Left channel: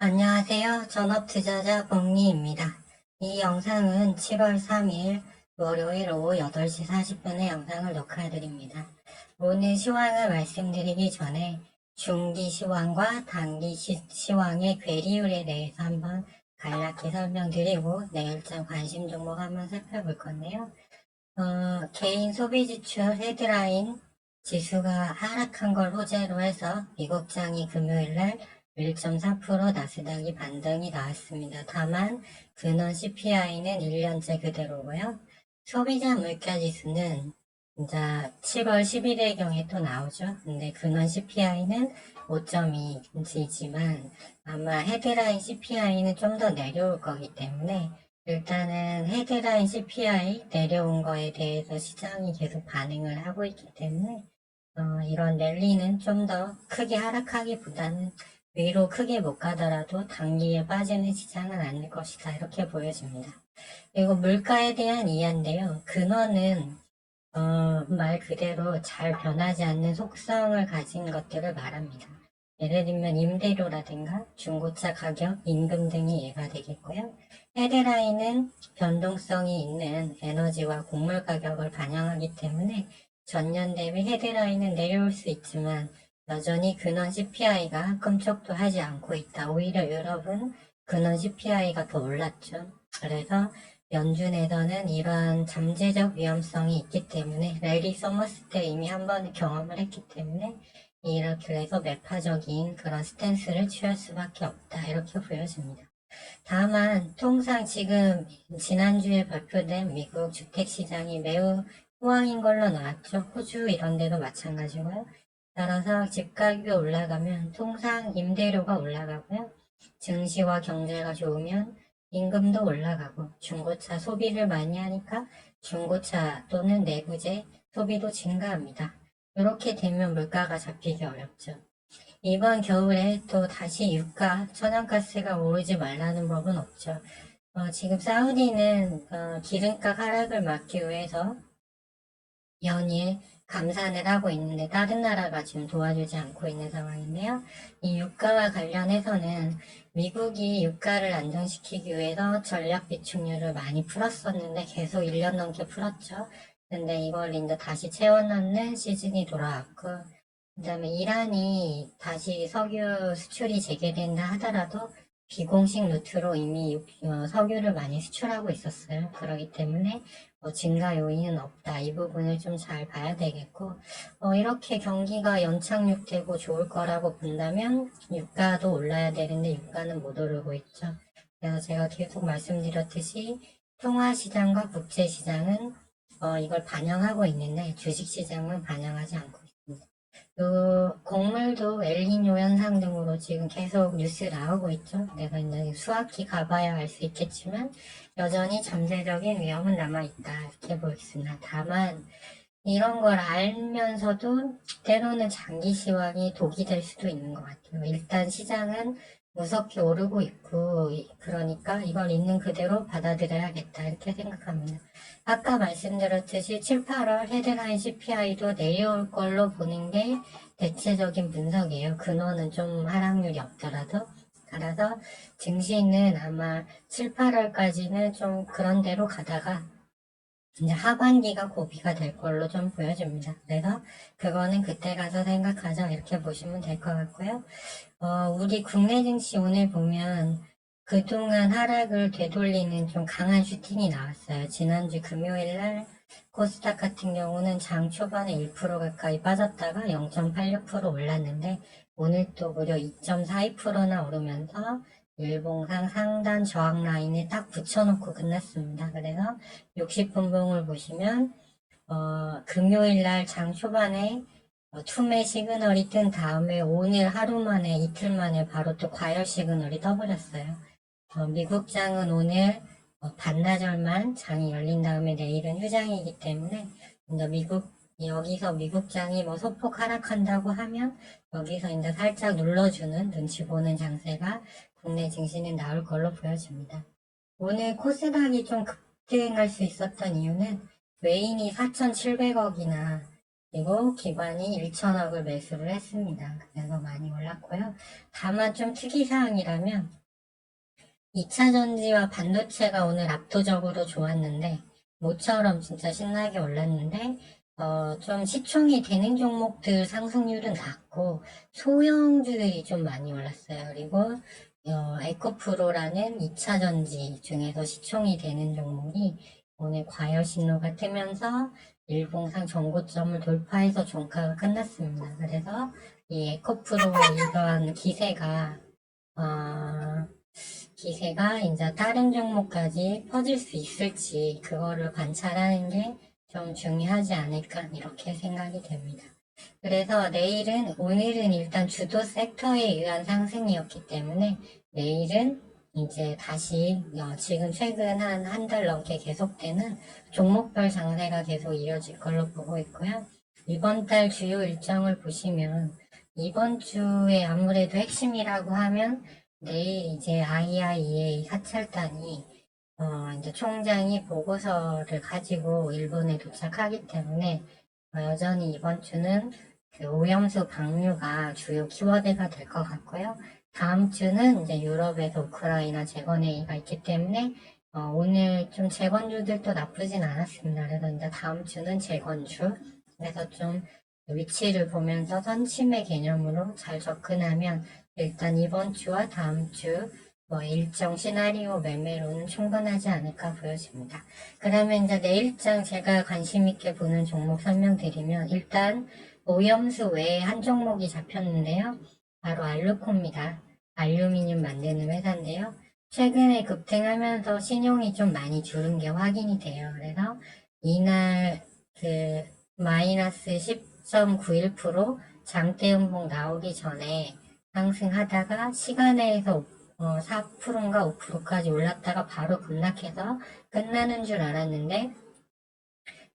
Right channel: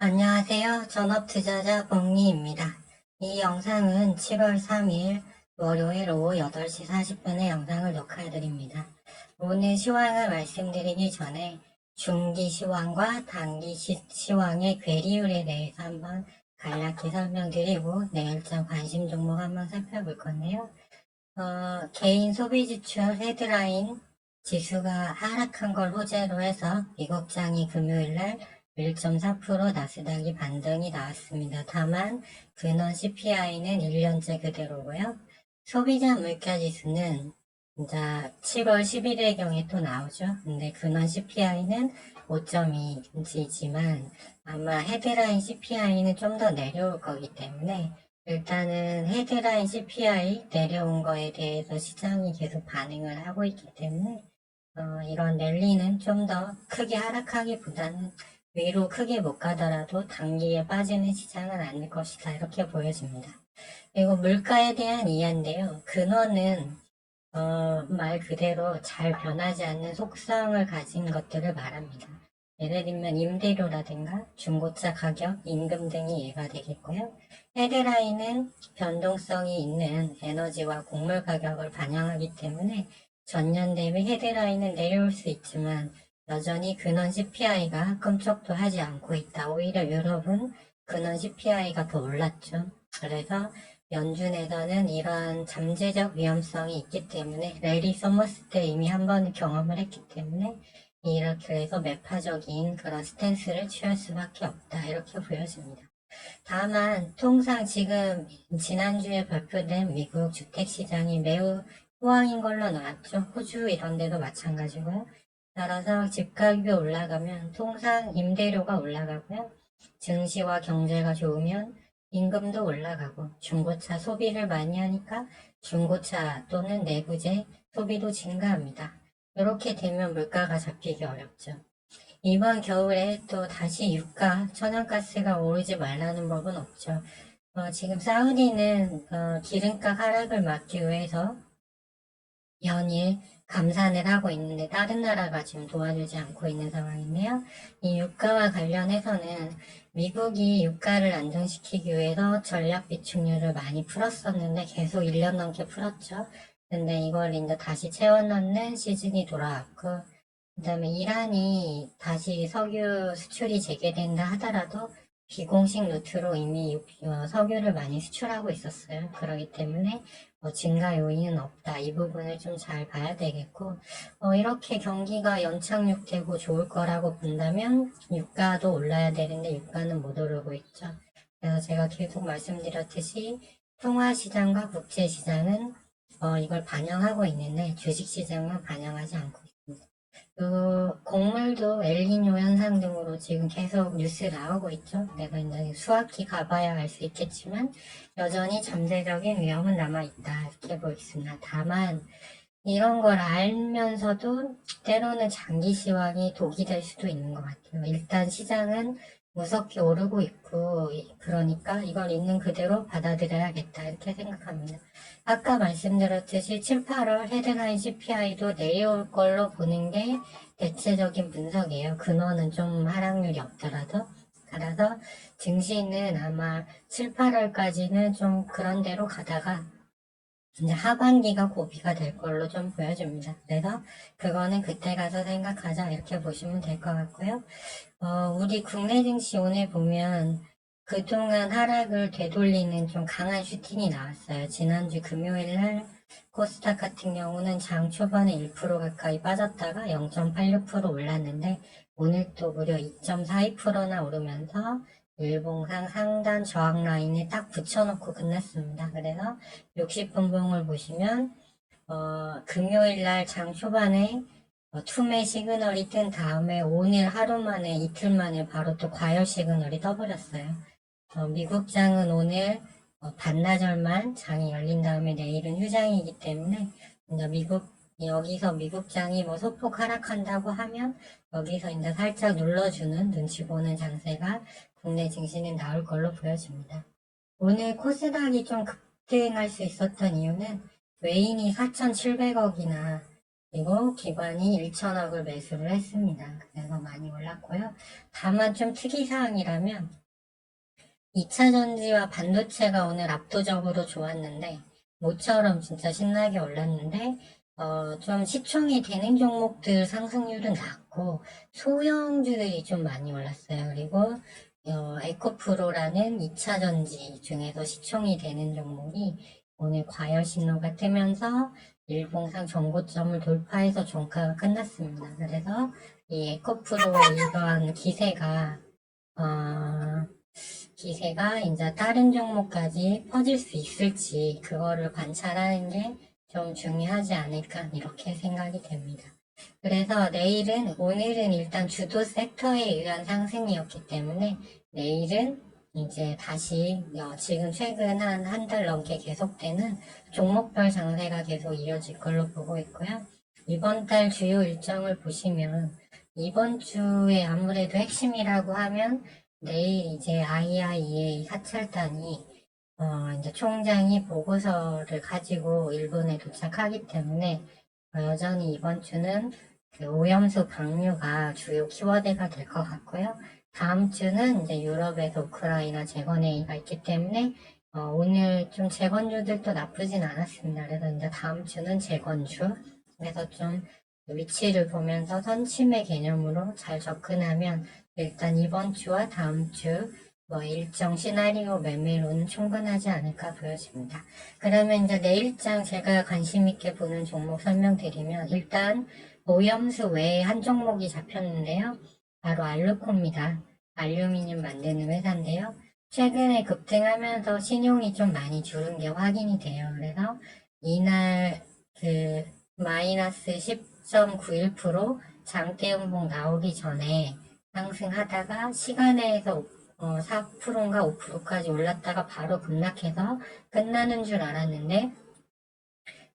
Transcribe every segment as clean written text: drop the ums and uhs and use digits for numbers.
안녕하세요. 전업투자자 복리입니다. 이 영상은 7월 3일 월요일 오후 8시 40분에 영상을 녹화해드립니다. 오늘 시황을 말씀드리기 전에 중기 시황과 단기 시황의 괴리율에 대해서 한번 간략히 설명드리고 내일장 관심 종목 한번 살펴볼 건데요. 개인 소비지출 헤드라인 지수가 하락한 걸 호재로 해서 미국장이 금요일날 1.4% 나스닥이 반등이 나왔습니다. 다만 근원 CPI는 1년째 그대로고요. 소비자 물가지수는 이제 7월 11일경에 또 나오죠. 근데 근원 CPI는 5.2이지만 아마 헤드라인 CPI는 좀 더 내려올 거기 때문에 일단은 헤드라인 CPI 내려온 거에 대해서 시장이 계속 반응을 하고 있기 때문에 이런 랠리는 좀 더 크게 하락하기보다는 위로 크게 못 가더라도 단기에 빠지는 시장은 아닐 것이다 이렇게 보여집니다. 그리고 물가에 대한 이해인데요. 근원은 말 그대로 잘 변하지 않는 속성을 가진 것들을 말합니다. 예를 들면 임대료라든가 중고차 가격, 임금 등이 예가 되겠고요. 헤드라인은 변동성이 있는 에너지와 곡물 가격을 반영하기 때문에 전년 대비 헤드라인은 내려올 수 있지만 여전히 근원 CPI가 끔찍도 하지 않고 있다. 오히려 유럽은 근원 CPI가 더 올랐죠. 그래서 연준에서는 이러한 잠재적 위험성이 있기 때문에 랠리 서머스 때 이미 한 번 경험을 했기 때문에 이렇게 해서 매파적인 그런 스탠스를 취할 수밖에 없다 이렇게 보여집니다. 다만 통상 지금 지난주에 발표된 미국 주택시장이 매우 호황인 걸로 나왔죠. 호주 이런 데도 마찬가지고요. 따라서 집가격이 올라가면 통상 임대료가 올라가고요. 증시와 경제가 좋으면 임금도 올라가고 중고차 소비를 많이 하니까 중고차 또는 내부재 소비도 증가합니다. 이렇게 되면 물가가 잡히기 어렵죠. 이번 겨울에 또 다시 유가, 천연가스가 오르지 말라는 법은 없죠. 지금 사우디는 기름값 하락을 막기 위해서 연일 감산을 하고 있는데 다른 나라가 지금 도와주지 않고 있는 상황인데요. 이 유가와 관련해서는 미국이 유가를 안정시키기 위해서 전략 비축률을 많이 풀었었는데 계속 1년 넘게 풀었죠. 근데 이걸 이제 다시 채워넣는 시즌이 돌아왔고 그다음에 이란이 다시 석유 수출이 재개된다 하더라도 비공식 루트로 이미 석유를 많이 수출하고 있었어요. 그렇기 때문에 증가 요인은 없다. 이 부분을 좀 잘 봐야 되겠고 이렇게 경기가 연착륙되고 좋을 거라고 본다면 유가도 올라야 되는데 유가는 못 오르고 있죠. 그래서 제가 계속 말씀드렸듯이 통화시장과 국제시장은 이걸 반영하고 있는데 주식시장만 반영하지 않고 있습니다. 곡물도 엘니뇨 현상 등으로 지금 계속 뉴스 나오고 있죠. 내가 이제 수확기 가봐야 알 수 있겠지만 여전히 잠재적인 위험은 남아있다 이렇게 보겠습니다. 다만 이런 걸 알면서도 때로는 장기 시황이 독이 될 수도 있는 것 같아요. 일단 시장은 무섭게 오르고 있고 그러니까 이걸 있는 그대로 받아들여야겠다 이렇게 생각합니다. 아까 말씀드렸듯이 7, 8월 헤드라인 CPI도 내려올 걸로 보는 게 대체적인 분석이에요. 근원은 좀 하락률이 없더라도. 그래서 증시는 아마 7, 8월까지는 좀 그런 대로 가다가 이제 하반기가 고비가 될 걸로 좀 보여집니다. 그래서 그거는 그때 가서 생각하자 이렇게 보시면 될 것 같고요. 우리 국내 증시 오늘 보면 그동안 하락을 되돌리는 좀 강한 슈팅이 나왔어요. 지난주 금요일 날 코스닥 같은 경우는 장 초반에 1% 가까이 빠졌다가 0.86% 올랐는데 오늘 또 무려 2.42%나 오르면서 일봉상 상단 저항 라인을 딱 붙여놓고 끝냈습니다. 그래서 60분봉을 보시면 금요일 날 장 초반에 투매 시그널이 뜬 다음에 오늘 하루 만에 이틀 만에 바로 또 과열 시그널이 떠버렸어요. 미국장은 오늘 반나절만 장이 열린 다음에 내일은 휴장이기 때문에 이제 여기서 미국장이 뭐 소폭 하락한다고 하면 여기서 이제 살짝 눌러주는 눈치 보는 장세가 국내 증시는 나올 걸로 보여집니다. 오늘 코스닥이 좀 급등할 수 있었던 이유는 외인이 4,700억이나 그리고 기관이 1천억을 매수를 했습니다. 그래서 많이 올랐고요. 다만 좀 특이사항이라면 2차 전지와 반도체가 오늘 압도적으로 좋았는데 모처럼 진짜 신나게 올랐는데 좀 시총이 되는 종목들 상승률은 낮고 소형주들이 좀 많이 올랐어요. 그리고 에코프로라는 2차 전지 중에서 시총이 되는 종목이 오늘 과열 신호가 뜨면서 일봉상 전고점을 돌파해서 종가가 끝났습니다. 그래서 이 에코프로의 이러한 기세가 이제 다른 종목까지 퍼질 수 있을지 그거를 관찰하는 게 좀 중요하지 않을까 이렇게 생각이 됩니다. 그래서 오늘은 일단 주도 섹터에 의한 상승이었기 때문에 내일은 이제 다시 지금 최근 한 달 넘게 계속되는 종목별 장세가 계속 이어질 걸로 보고 있고요. 이번 달 주요 일정을 보시면 이번 주에 아무래도 핵심이라고 하면 내일 이제 IIEA 사찰단이 이제 총장이 보고서를 가지고 일본에 도착하기 때문에 여전히 이번 주는 그 오염수 방류가 주요 키워드가 될 것 같고요. 다음 주는 이제 유럽에서 우크라이나 재건회의가 있기 때문에 오늘 좀 재건주들도 나쁘진 않았습니다. 그래서 이제 다음 주는 재건주. 그래서 좀 위치를 보면서 선침의 개념으로 잘 접근하면 일단 이번 주와 다음 주 일정 시나리오 매매로는 충분하지 않을까 보여집니다. 그러면 이제 내일장 제가 관심 있게 보는 종목 설명드리면 일단 오염수 외에 한 종목이 잡혔는데요. 바로 알루코입니다. 알루미늄 만드는 회사인데요. 최근에 급등하면서 신용이 좀 많이 줄은 게 확인이 돼요. 그래서 이날 그 마이너스 10.91% 장대 음봉 나오기 전에 상승하다가 시간에서 4%인가 5%까지 올랐다가 바로 급락해서 끝나는 줄 알았는데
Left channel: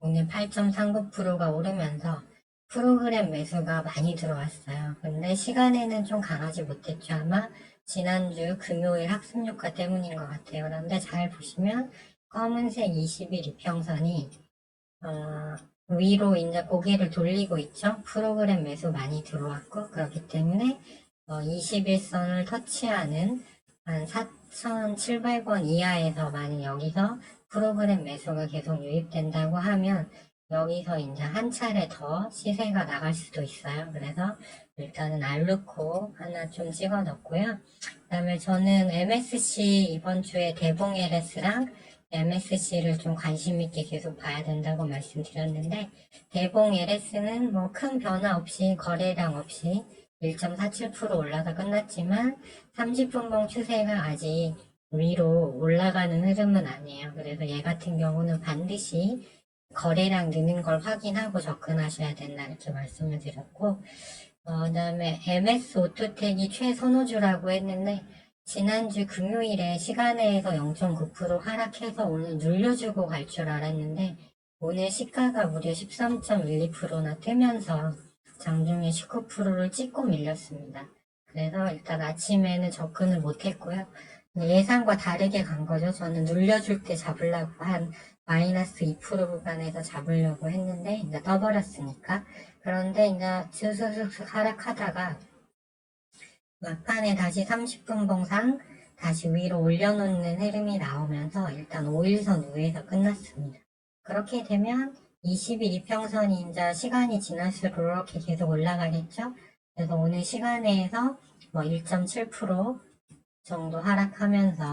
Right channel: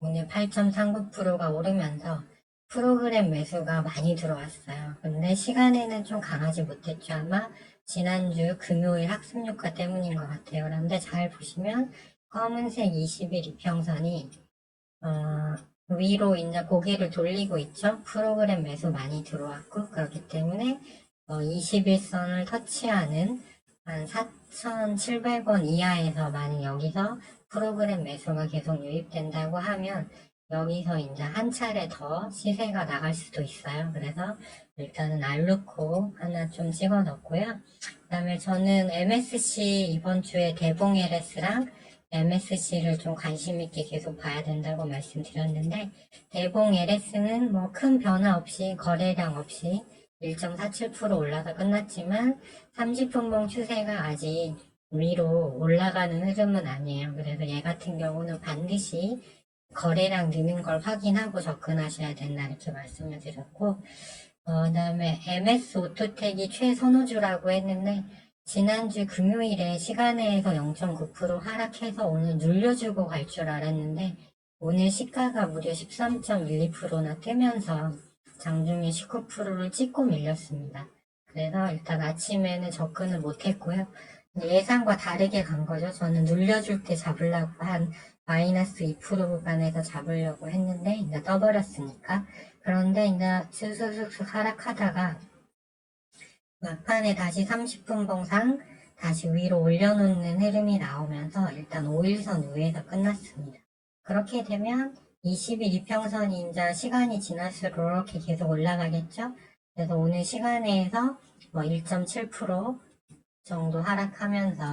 오늘 8.39%가 오르면서 프로그램 매수가 많이 들어왔어요. 근데 시간에는 좀 강하지 못했죠. 아마 지난주 금요일 학습효과 때문인 것 같아요. 그런데 잘 보시면 검은색 20일 이평선이 위로 이제 고개를 돌리고 있죠. 프로그램 매수 많이 들어왔고 그렇기 때문에 21선을 터치하는 한 4,700원 이하에서 만약 여기서 프로그램 매수가 계속 유입된다고 하면 여기서 이제 한 차례 더 시세가 나갈 수도 있어요. 그래서 일단은 알루코 하나 좀 찍어 넣고요. 그 다음에 저는 MSC 이번 주에 대봉 LS랑 MSC를 좀 관심 있게 계속 봐야 된다고 말씀드렸는데 대봉 LS는 뭐 큰 변화 없이 거래량 없이 1.47% 올라가 끝났지만 30분봉 추세가 아직 위로 올라가는 흐름은 아니에요. 그래서 얘 같은 경우는 반드시 거래량 느는 걸 확인하고 접근하셔야 된다 이렇게 말씀을 드렸고 그다음에 MS 오토텍이 최선호주라고 했는데 지난주 금요일에 시간에서 0.9% 하락해서 오늘 눌려주고 갈 줄 알았는데 오늘 시가가 무려 13.12%나 뜨면서 장중에 19%를 찍고 밀렸습니다. 그래서 일단 아침에는 접근을 못했고요. 예상과 다르게 간 거죠. 저는 눌려줄 때 잡으려고 한 마이너스 2% 구간에서 잡으려고 했는데 이제 떠버렸으니까. 그런데 이제 슥슥슥슥 하락하다가 막판에 다시 30분 봉상 다시 위로 올려놓는 흐름이 나오면서 일단 5일선 위에서 끝났습니다. 그렇게 되면 20일 이평선이 이제 시간이 지날수록 이렇게 계속 올라가겠죠? 그래서 오늘 시간에서 뭐 1.7% 정도 하락하면서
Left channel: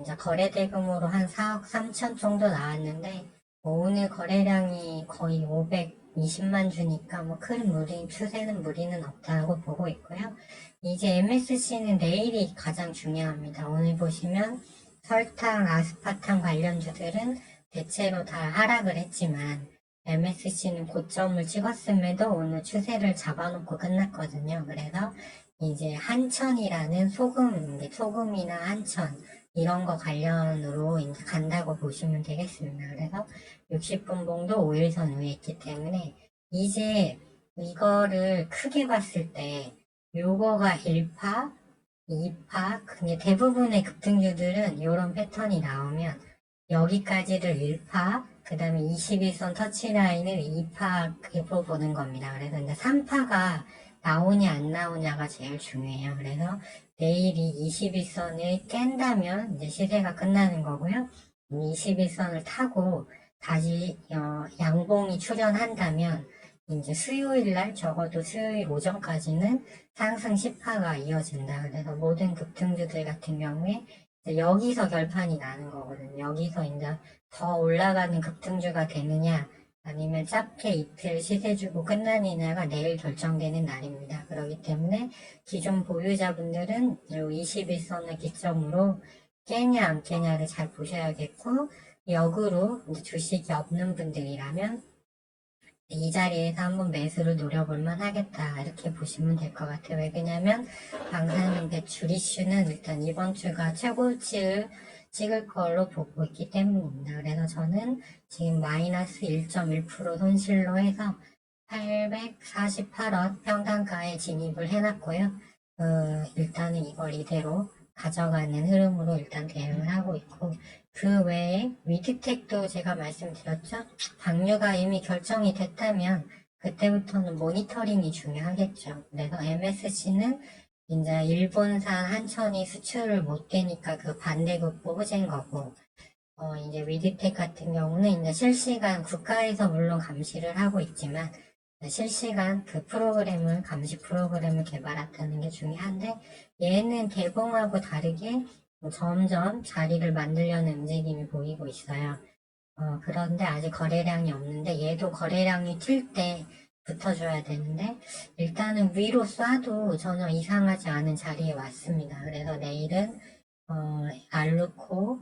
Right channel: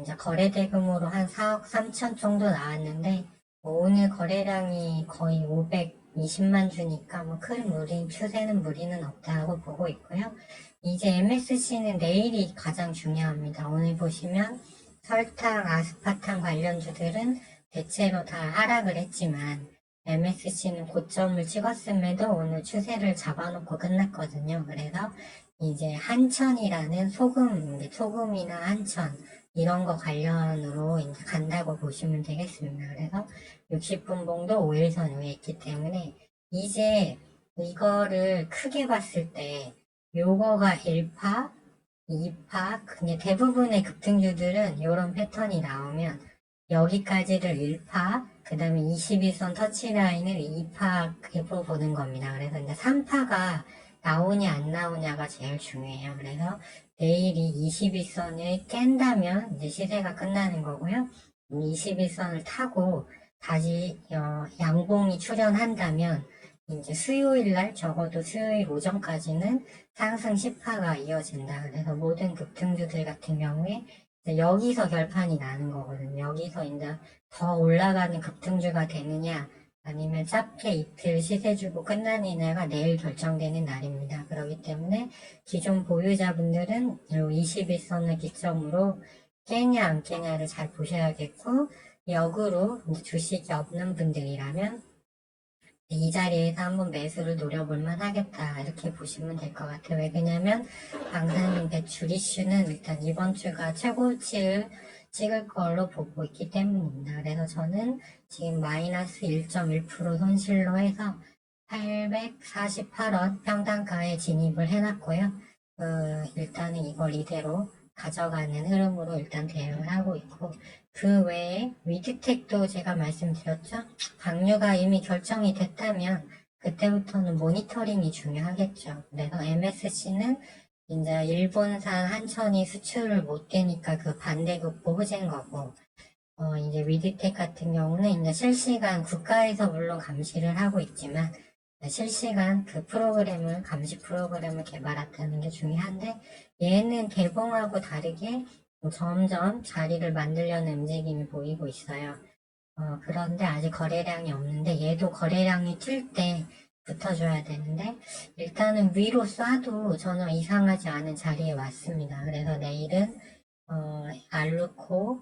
이제 거래 대금으로 한 4억 3천 정도 나왔는데 오늘 거래량이 거의 520만 주니까 뭐 큰 추세는 무리는 없다고 보고 있고요. 이제 MSC는 내일이 가장 중요합니다. 오늘 보시면 설탕, 아스파탐 관련주들은 대체로 다 하락을 했지만 MSC는 고점을 찍었음에도 오늘 추세를 잡아놓고 끝났거든요. 그래서 이제 한천이라는 소금이나 한천 이런 거 관련으로 이제 간다고 보시면 되겠습니다. 그래서 60분 봉도 5일선 위에 있기 때문에 이제 이거를 크게 봤을 때 요거가 1파, 2파, 그냥 대부분의 급등주들은 이런 패턴이 나오면 여기까지를 1파, 그 다음에 21선 터치라인을 2파로 보는 겁니다. 그래서 이제 3파가 나오냐 안 나오냐가 제일 중요해요. 그래서 내일이 21선을 깬다면 이제 시세가 끝나는 거고요. 21선을 타고 다시 양봉이 출현한다면 이제 수요일 날 적어도 수요일 오전까지는 상승 10파가 이어진다. 그래서 모든 급등주들 같은 경우에 여기서 결판이 나는 거거든요. 여기서 이제 더 올라가는 급등주가 되느냐 아니면 짧게 이틀 시세 주고 끝나느냐가 내일 결정되는 날입니다. 그렇기 때문에 기존 보유자분들은 이 21선을 기점으로 깨냐 안 깨냐를 잘 보셔야겠고, 역으로 이제 주식이 없는 분들이라면 이 자리에서 한번 매수를 노려볼 만하겠다 이렇게 보시면 될 것 같아요. 왜냐면 방산 배출 이슈는 일단 이번 주가 최고치를 찍을 걸로 보고 있기 때문입니다. 그래서 저는 지금 마이너스 1.1% 손실로 해서 848원 평단가에 진입을 해놨고요. 일단은 이걸 이대로 가져가는 흐름으로 일단 대응을 하고 있고, 그 외에 위드텍도 제가 말씀드렸죠. 방류가 이미 결정이 됐다면 그때부터는 모니터링이 중요하겠죠. 그래서 MSC는 이제 일본산 한천이 수출을 못 되니까 그 반대급부 호재인 거고, 이제 위드텍 같은 경우는 이제 실시간 국가에서 물론 감시를 하고 있지만 실시간 그 프로그램을 감시 프로그램을 개발했다는 게 중요한데, 얘는 개봉하고 다르게 점점 자리를 만들려는 움직임이 보이고 있어요. 그런데 아직 거래량이 없는데 얘도 거래량이 튈 때 붙어줘야 되는데 일단은 위로 쏴도 전혀 이상하지 않은 자리에 왔습니다. 그래서 내일은 알루코,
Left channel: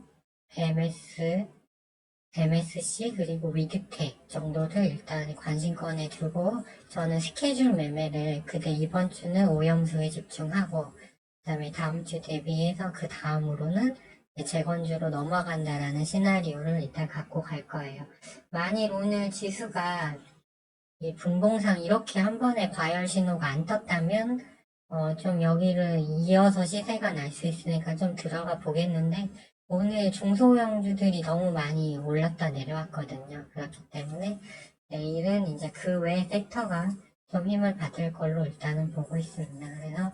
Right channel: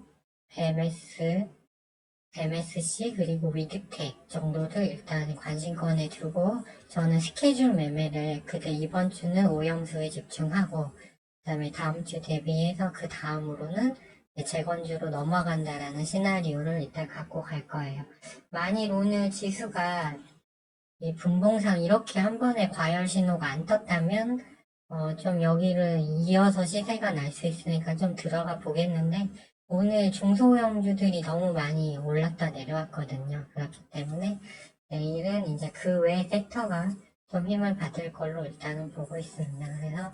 MSC 그리고 위드텍 정도를 일단 관심권에 두고 저는 스케줄 매매를 그때 이번 주는 오형수에 집중하고 그다음에 다음 주 대비해서 그 다음으로는 재건주로 넘어간다라는 시나리오를 일단 갖고 갈 거예요. 만일 오늘 지수가 이 분봉상 이렇게 한 번에 과열 신호가 안 떴다면 좀 여기를 이어서 시세가 날 수 있으니까 좀 들어가 보겠는데 오늘 중소형주들이 너무 많이 올랐다 내려왔거든요. 그렇기 때문에 내일은 이제 그 외 섹터가 좀 힘을 받을 걸로 일단은 보고 있습니다. 그래서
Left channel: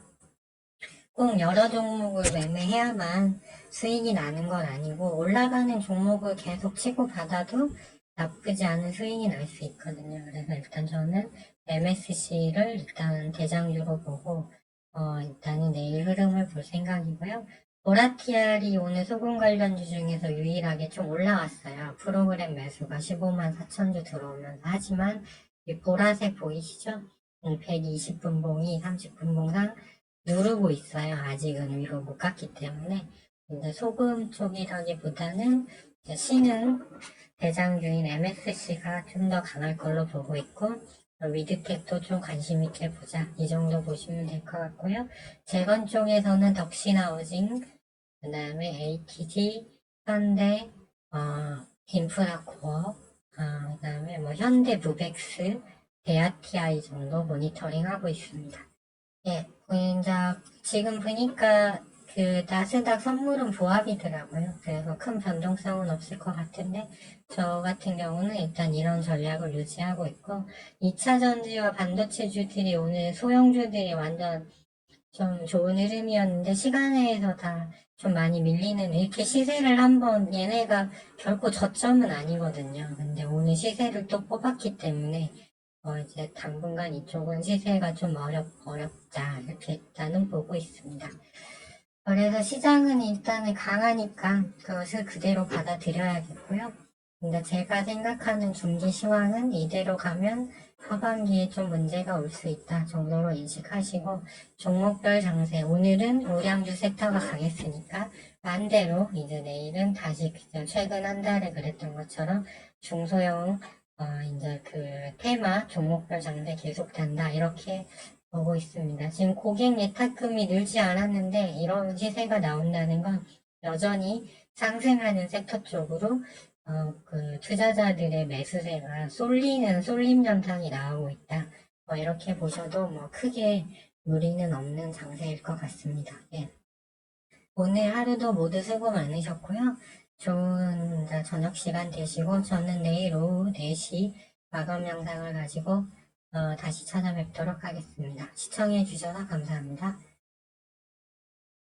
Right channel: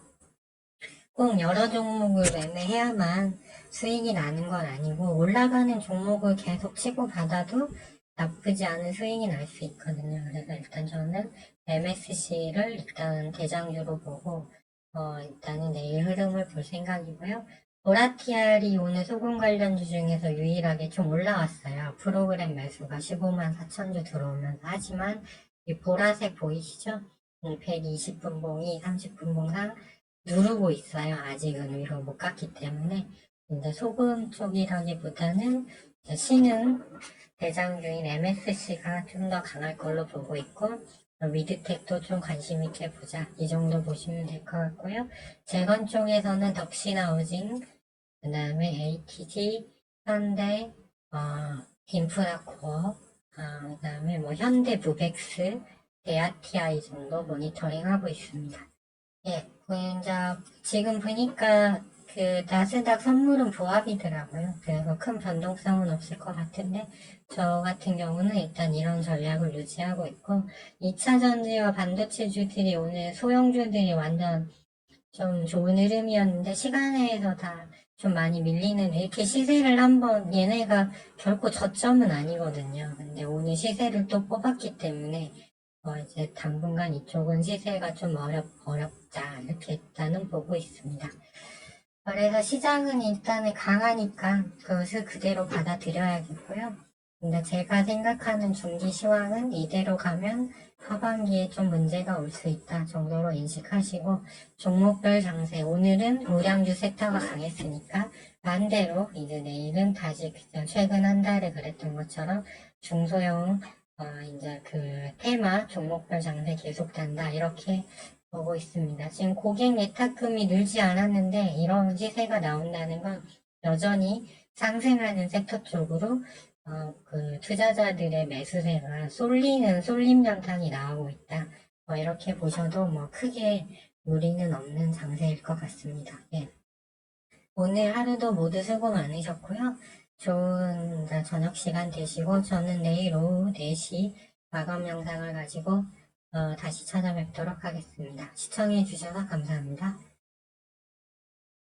꼭 여러 종목을 매매해야만 수익이 나는 건 아니고 올라가는 종목을 계속 치고받아도 나쁘지 않은 수익이 날 수 있거든요. 그래서 일단 저는 MSC를 일단 대장주로 보고 일단은 내일 흐름을 볼 생각이고요. 보라티알이 오늘 소금 관련주 중에서 유일하게 좀 올라왔어요. 프로그램 매수가 15만 4천주 들어오면서. 하지만 이 보라색 보이시죠? 120분봉이 30분봉상 누르고 있어요. 아직은 위로 못 갔기 때문에. 근데 소금 쪽이라기보다는 C는 대장주인 MSC가 좀 더 강할 걸로 보고 있고, 위드텍도 좀 관심 있게 보자. 이 정도 보시면 될 것 같고요. 재건 쪽에서는 덕시나우징, 그 다음에 ATG, 현대, 인프라코어, 그 다음에 뭐 현대 무벡스, 대아티아이 정도 모니터링 하고 있습니다. 예, 이제 지금 보니까 그 나스닥 선물은 보합이더라고요. 그래서 큰 변동성은 없을 것 같은데 저 같은 경우는 일단 이런 전략을 유지하고 있고 2차 전지와 반도체주들이 오늘 소형주들이 완전 좀 좋은 흐름이었는데 시간에서 다 좀 많이 밀리는 이렇게 시세를 한번 얘네가 결코 저점은 아니거든요. 근데 오늘 시세를 또 뽑았기 때문에 이제 당분간 이쪽은 시세가 좀 어렵다 이렇게 일단은 보고 있습니다. 그래서 시장은 일단은 강하니까 그것을 그대로 받아들여야겠고요. 근데 제가 생각하는 중기 시황은 이대로 가면 하반기에 좀 문제가 올 수 있다 정도로 인식하시고 종목별 장세 오늘은 우량주 섹터가 강했으니까 반대로 이제 내일은 다시 최근 한 달에 그랬던 것처럼 중소형 이제 그 테마 종목별 장세 계속된다 이렇게 보고 있습니다. 지금 고객 예탁금이 늘지 않았는데 이런 시세가 나온다는 건 여전히 상승하는 섹터 쪽으로 그 투자자들의 매수세가 쏠림 현상이 나오고 있다. 이렇게 보셔도 뭐 크게 무리는 없는 장세일 것 같습니다. 예. 오늘 하루도 모두 수고 많으셨고요. 좋은 저녁 시간 되시고 저는 내일 오후 4시 마감 영상을 가지고 다시 찾아뵙도록 하겠습니다. 시청해 주셔서 감사합니다.